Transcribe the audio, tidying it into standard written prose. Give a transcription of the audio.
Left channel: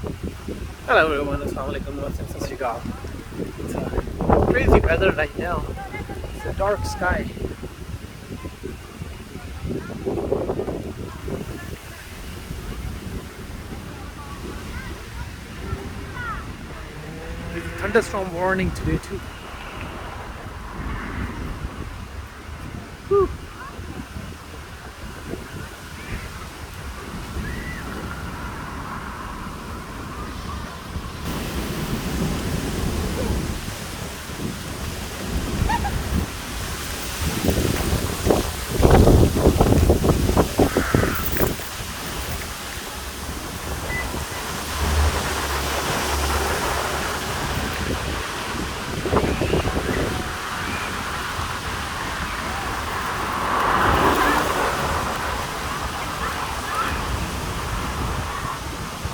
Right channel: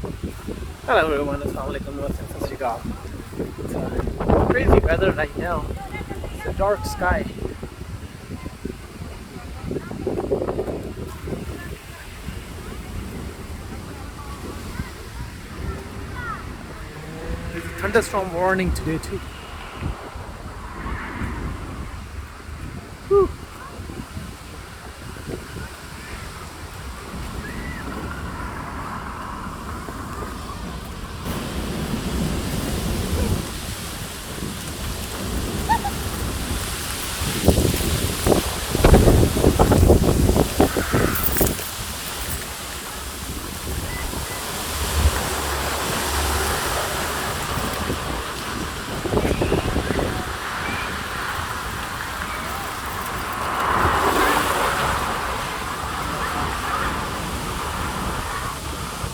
Hello everyone, Assalamualaikum, Sat Shri Akal. It's crazy weather right now. It's a dark sky. There's a thunderstorm warning today too.